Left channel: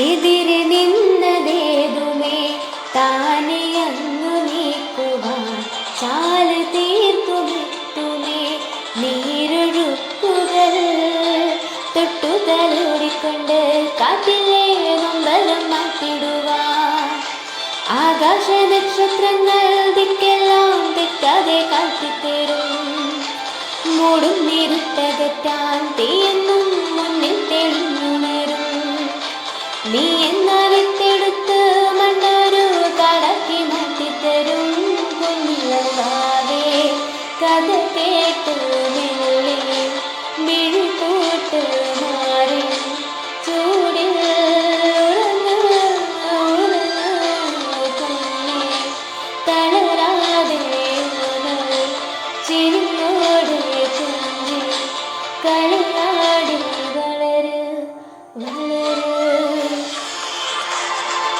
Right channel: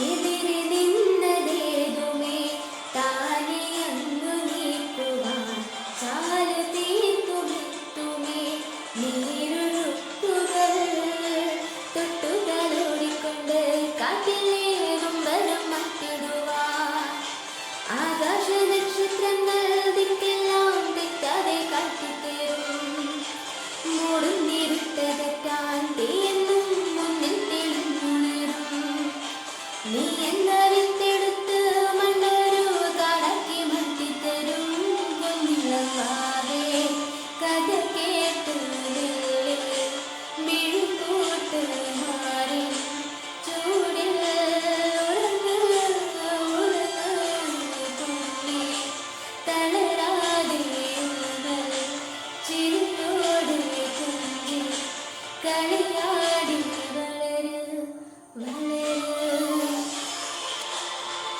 എതിരെ നിന്നതേതുമേ താനെ അങ്ങു നീക്കുവാൻ ചാല തീർക്കുമെത്തുമേ നീരൊഴുക്കുകൾ തൊട്ടുതലോടിക്കൊണ്ട് കാറ്റിലെ നൊമ്പരം മാറ്റിടുവാൻ ആകാശ നക്ഷത്രങ്ങൾ ദിക്കെല്ലാം തെറ്റാതെ കാട്ടിത്തരും മൂടും നിരുട്ടകറ്റാൻ തീയെന്നും മുന്നിൽ തെളിഞ്ഞുണരും നീ എന്ന വിത്തെടുത്ത് മണ്ണൊരു കാടാക്കി മാറ്റിത്തരും കുഞ്ഞിളവാവേ കഥ കേട്ട് മെല്ലെ മിഴി കൂട്ട് മാറി ചൂടിൽ കുഞ്ഞെ തളരാതെ ചിരിയോടെ കുഞ്ഞെ കളി